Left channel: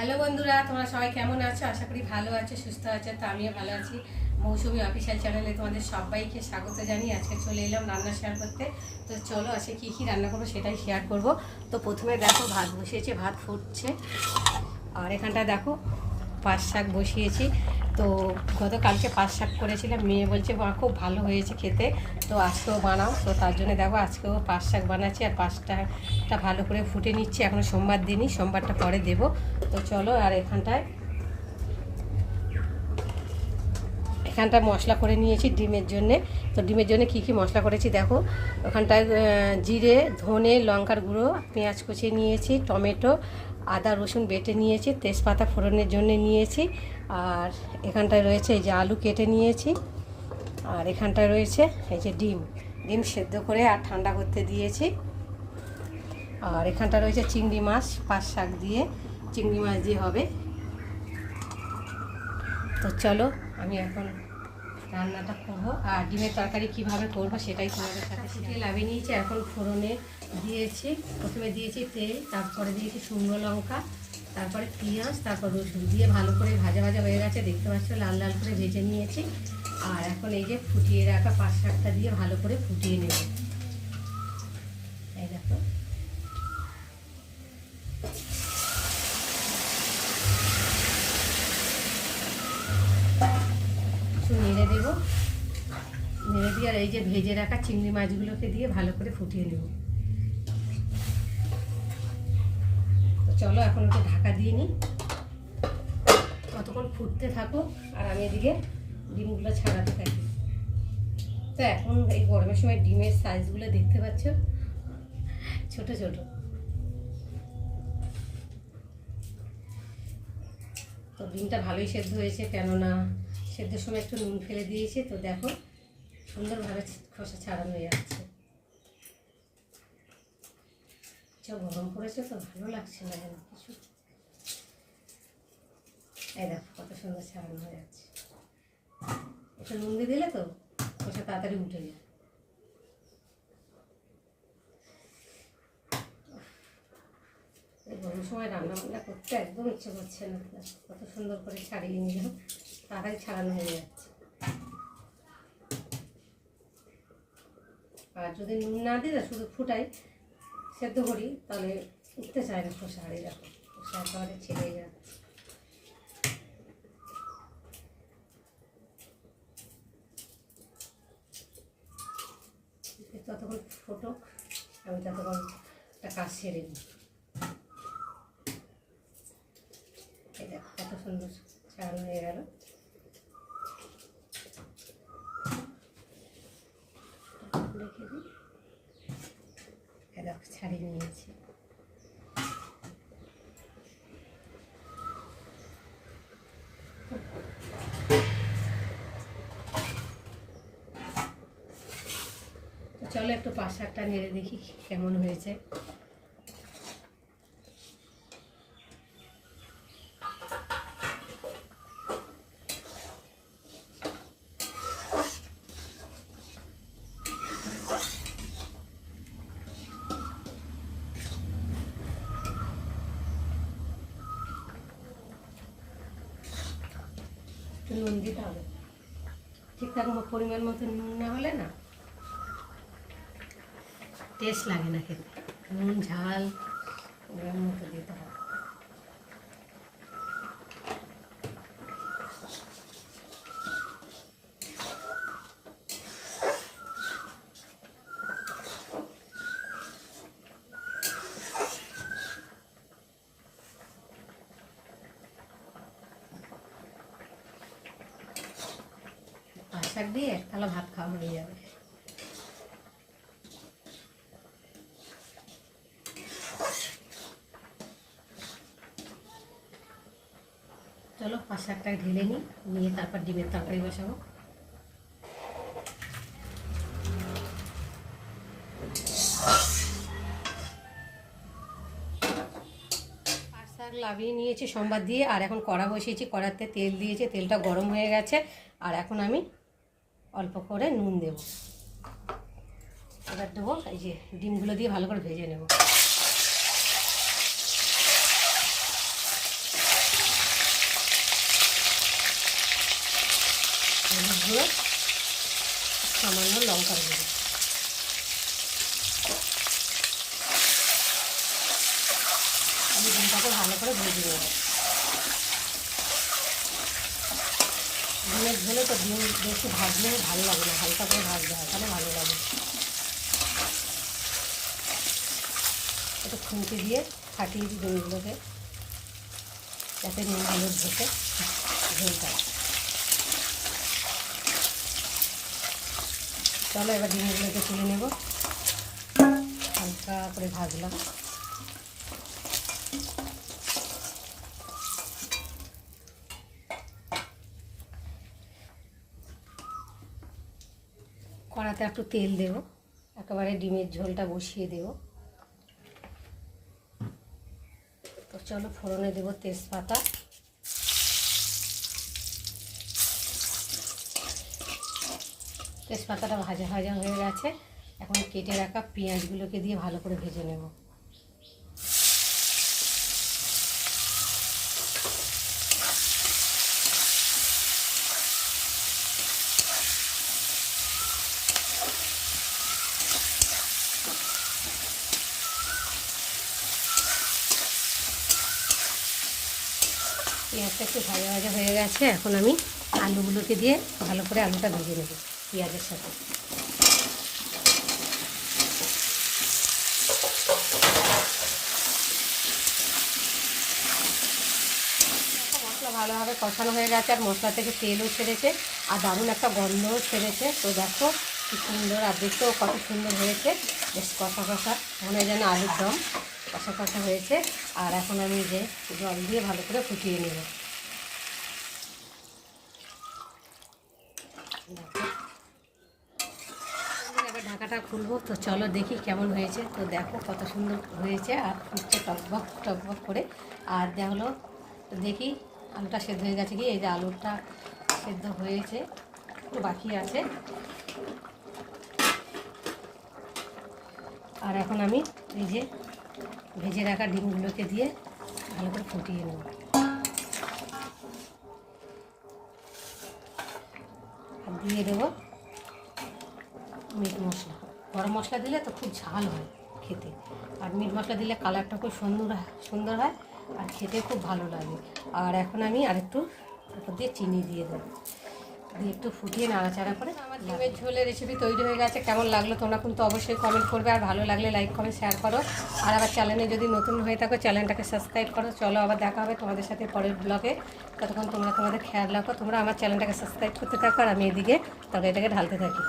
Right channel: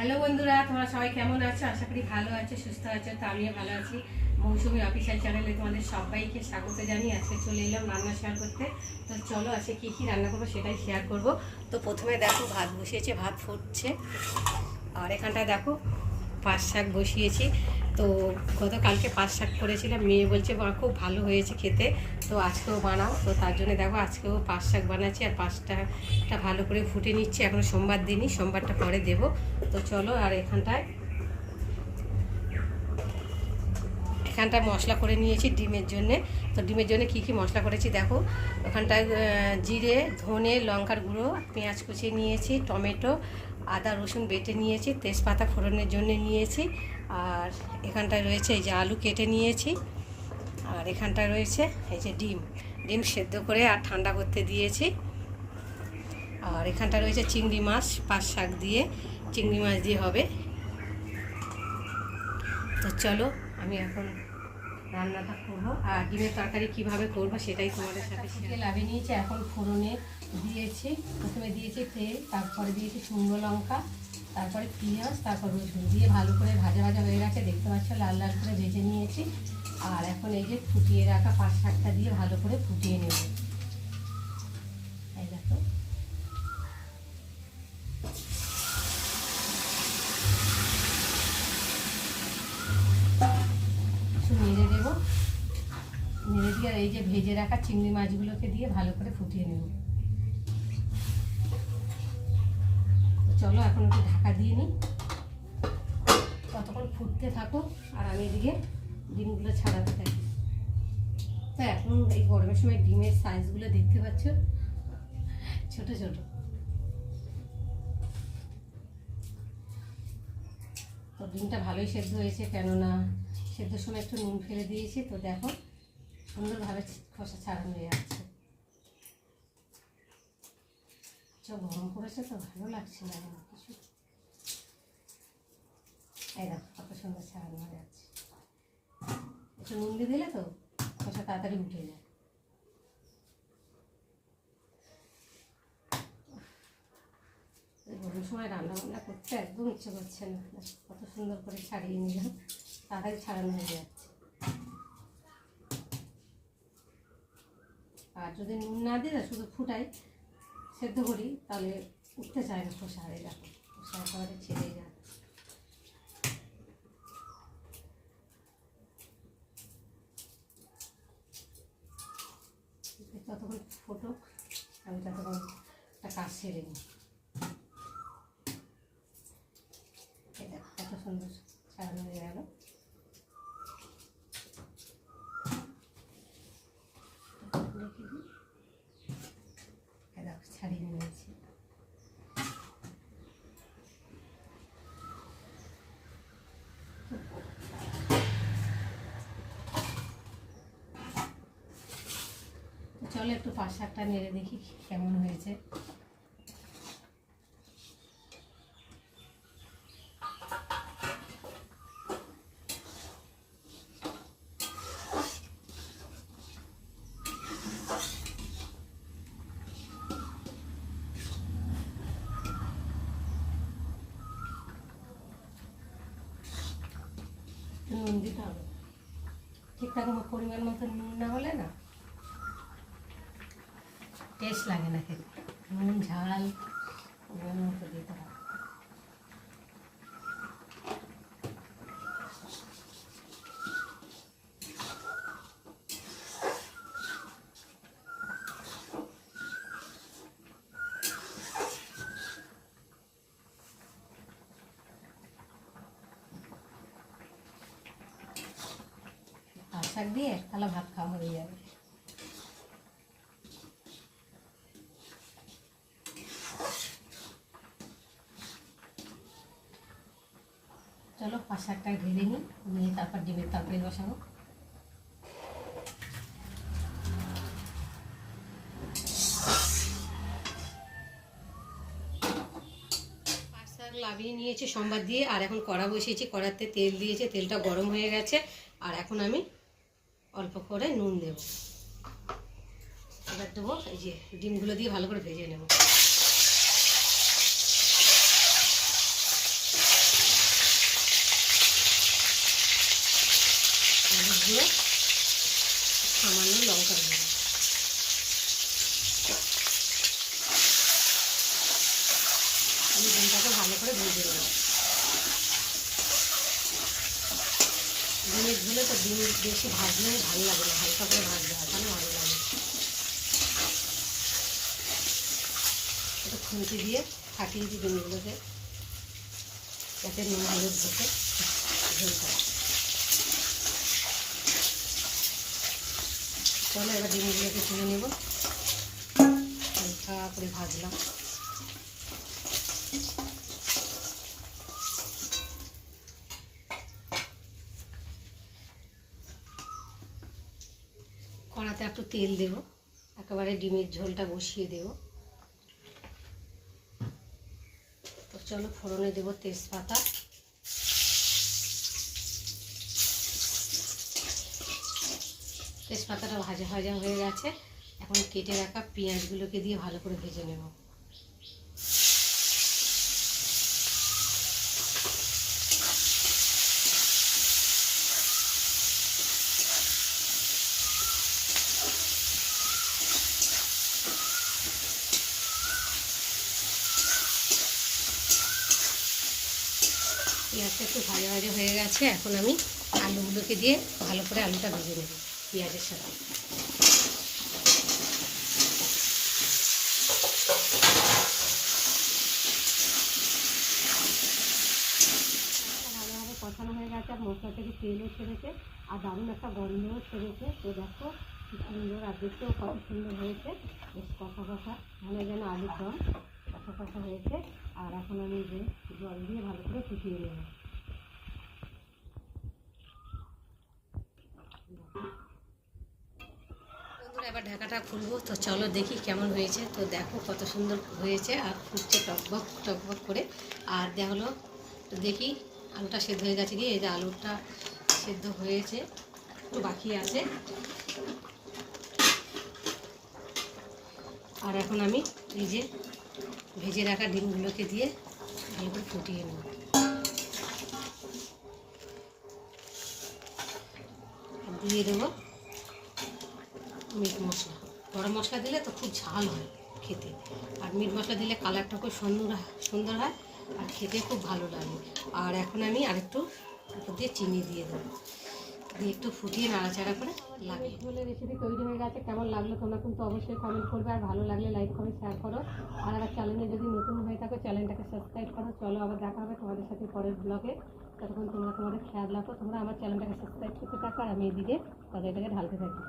Hello বন্ধুরা, তোমরা সবাই কেমন আছো? আশা করি ভালো আছো, সুস্থ আছো। তো আমিও ভালো আছি। মৌসুমি অফিসিয়াল চ্যানেলে তোমাদের সবাইকে স্বাগত জানিয়ে আজকে চলে এলাম রান্না শেয়ার করতে। তো চলো আজকে কী কী রান্না করবো সেটাই শেয়ার করব। তো প্রথমে দেখো ভাত বসিয়েছে, ভাত ফুটছে। আর এখানটা দেখো পাঁচ শাক বসিয়েছি। তো গতকালকে পাঁচ শাক করেছিলাম, মেয়ে বলছে মা খুব ভালো হয়েছে খেতে, তো আজকেও বানাও। তো তার জন্য দেখো আজকেও পাঁচ শাক বানাচ্ছি আর পাঁচটা ভালো করে ফুটে নিচ্ছি। এখন সোমবার দিনই, সোমবারটা পরে দেবো। তো চলো। আর এখানটায় মশলা করে নিয়েছি ডিমের জন্যে। তো ডিমের জন্য কী কী মশলা করেছি দেখো। ওখানটায় জিরে, ধনে, লঙ্কার গুঁড়ো, পেঁয়াজ কুচিয়ে নিয়েছি, টমেটো, আদা রসুন বেটে নিয়েছি, তেজপাতা ফোড়নের জন্য নিয়েছি। আর এখানটায় রয়েছে এই যে আলু কেটে নিয়েছি। আর এখানটায় রয়েছে এই যে ডিম সেদ্ধ করে আর ঠান্ডা করতে দিয়েছি। আর এখানটা রয়েছে চিংড়ি মাছ, পাঁচ শাক দিয়ে চিংড়ি মাছ দিয়ে হবে। তো চলো আমি এখন রান্নাটা করবো। আর ডিমের তরকারি কীভাবে করবো সেটাই তোমাদের সাথে শিখে লাভিয়ে নিয়েছি। এখন ফোড়নে দিয়েছি, প্রথমে দিয়েছি তেল, তারপরে দিয়েছি শুকনো লঙ্কা, তারপরে পেঁয়াজ, তারপর রসুন দিয়ে ভালো করে ভাজা ভাজা হয়ে গেছে, দেখতে পাচ্ছ লাল লাল করে ভেজে নিয়েছি। আর এখন এই যে ফুটিয়ে রাখা পাঁচ শাকটা দিয়ে ভালো করে ফুটিয়ে নেব। এই দেখো নেড়ে দেবো, নেড়ে দিয়ে আর এই যে ভেজে রাখা চিংড়ি মাছগুলোকে দিয়ে ভালো করে ফুটিয়ে নেব। তো চলো এখন একটু ঢাকা দিয়ে নিই, কতক্ষণ ফুটতে থাকো আর আমি এদিকে ডিমগুলো ছাড়াতে থাকি। তো এখন এই গরমের সময় ডিমের সাইজগুলো দেখতে পাচ্ছ, ছোট ছোট। তো ডিমটা ভালোই সেদ্ধ হয়েছে, কেননা সেদ্ধর সময় একটু নুন ফেলে দিয়েছি। তো দেখো সুন্দরভাবে খোসা ছাড়ানো হয়ে যাচ্ছে। গরম পড়েছে তো ভালো লাগছে না যেন কিছু। এই দেখো কত সুন্দর ছাড়ানো হয়ে যাচ্ছে। একটু নুন দিয়ে দিলে তো খোসা তাড়াতাড়ি উঠে যায়। গরমের সময় রান্না বান্না করতে একদম ইচ্ছে করছে না। কত সুন্দর করে ছাড়িয়ে নিলাম, তাড়াতাড়ি ছাড়ানো হয়ে যাচ্ছে। আর যদি নুন না দিই না, শুধু ফুটাই সেদ্ধ করি, তাহলে উঠতে চায় না খোসা। হারিয়ে দেখো খোসা একেবারে ছেড়ে যাচ্ছে। ততক্ষণ ফোটক, আমি ততক্ষণ একটা কাজ সেরে নিই। এই দেখো কত সুন্দর ছাড়ানো হয়ে গেল। রেখে দিই, দেখো ছাড়িয়ে নিয়েছি। চলো একটু পাঁচ শাকটা নেড়ে দেখি কেমন হয়েছে। নুন দিতে হবে ঠিকঠাক পরিমাণ মতো। নুন না হলে না টেস্ট লাগে না খেতে। নুন ঝাল পরিমাণ মতো দিতে হবে। পাঁচ শাক দিয়ে এক থালা ভাত খাওয়া হয়ে যাবে। চলো পাঁচ শাকটা ঢেলে নিই, নিয়ে তারপর ডিমের তরকারি বসাবো। পাঁচ শাক লাভিয়ে নিয়েছি সোমবার দিয়ে। আর এখন কড়া বসিয়েছি, কড়াতে তেল দিয়েছি, তেলটা গরম হয়ে গেছে। আর এখন আমি অল্প করে নুন দেব। এবার দেবো এই যে ডিমগুলো দিয়ে ভালো করে ভেজে নেব। দিয়ে সামান্য লঙ্কা দেবো। আমি ডিমটাকে ভালো করে ভেজে নেব। ডিমের ঝোলে তো ডিম বেশি ভাজলে ভালো লাগে না, হালকা করে ভাজতে হয়, তাহলে ভালো লাগে। একটু খুঁটি দিয়ে কাটিয়ে দিই ডিমগুলোকে, যাতে ডিমগুলো ঢোকে ঝোলটা। চলো এবার ডিমগুলোকে তুলে নেব, হালকা করে ভাজলাম। কড়াতে একটু তেল দেব, একেবারে ডিমের ঝোলটা বসিয়ে দেব। তো চলো ফোড়নে দেব তেজপাতা, তেজপাতাটা ভাজা ভাজা হয়ে গেছে। এখন কেটে রাখা পেঁয়াজগুলোকে দিয়ে ভালো করে ভেজে নেব। পেঁয়াজটা একটু ভাজা ভাজা হয়ে গেছে, এখন আমি আলুগুলোকে দিয়ে ভালো করে আলুটা ভেজে নেব পেঁয়াজের সাথে। মশলা ভালোভাবে কষানো হয়ে গেছে, আর মশলা থেকে তেলও ছেড়েছে, আর দারুণ একটা গন্ধও ছেড়েছে। তো দেখো কি সুন্দর, আর দেখতেও কত সুন্দর হয়েছে, বেশ কষা কষা, মনে হয় যেন আলুর দম কষা কষা হয়েছে। আর এখন আমি যে জল দিয়ে ভালো করে ফুটিয়ে নেব। এবার ঢাকাটা খুলবো, তো চলো দেখি কেমন হয়েছে। তো দেখো কত সুন্দর হয়েছে, আর ফুটছে টকবক টকবক করে। আর দেখলো তো দেখি আলুটা সেদ্ধ হয়ে গেছে কি, এই যে আলুটা সেদ্ধ হয়েছে, একটু বাকি আছে। আর এখন আমি এই যে ভেজে রাখা ডিমগুলোকে দিয়ে ভালো করে ফুটিয়ে নেব। দিয়ে দেবো মিট মশলা। গরম মশলা দিলে তো খুব ঝাল হয় খেতে, আর মিট মশলা দিলে কালারটা খুব সুন্দর হয়, আর খেতে খুব ভালো লাগে। আর এখন আমি আরেকটু উপর দিয়ে চিনি দিয়ে দেবো, দিয়ে একটু ফুটিয়ে নাড়াচাড়া করে। আমার ডিমের ঝোলের রেসিপি তৈরি হয়ে গেছে। কেমন লাগলো তোমরা কিন্তু অবশ্যই কমেন্ট করবে, আর ভালো লাগলে লাইক কমেন্ট শেয়ার করো। আর আবার চ্যানেলে যদি নতুন হয়ে থাকো চ্যানেলটাকে সাবস্ক্রাইব করো। চলো আবার দেখা হবে তোমাদের সাথে পরের ব্লগে। ততক্ষণ তোমরা তোমাদের খেয়াল রাখো, তোমরা আমার চ্যানেলটাকে সাবস্ক্রাইব করতে থাকো, আর আমি এদিকে তরকারিটাকে ঢালতে থাকি।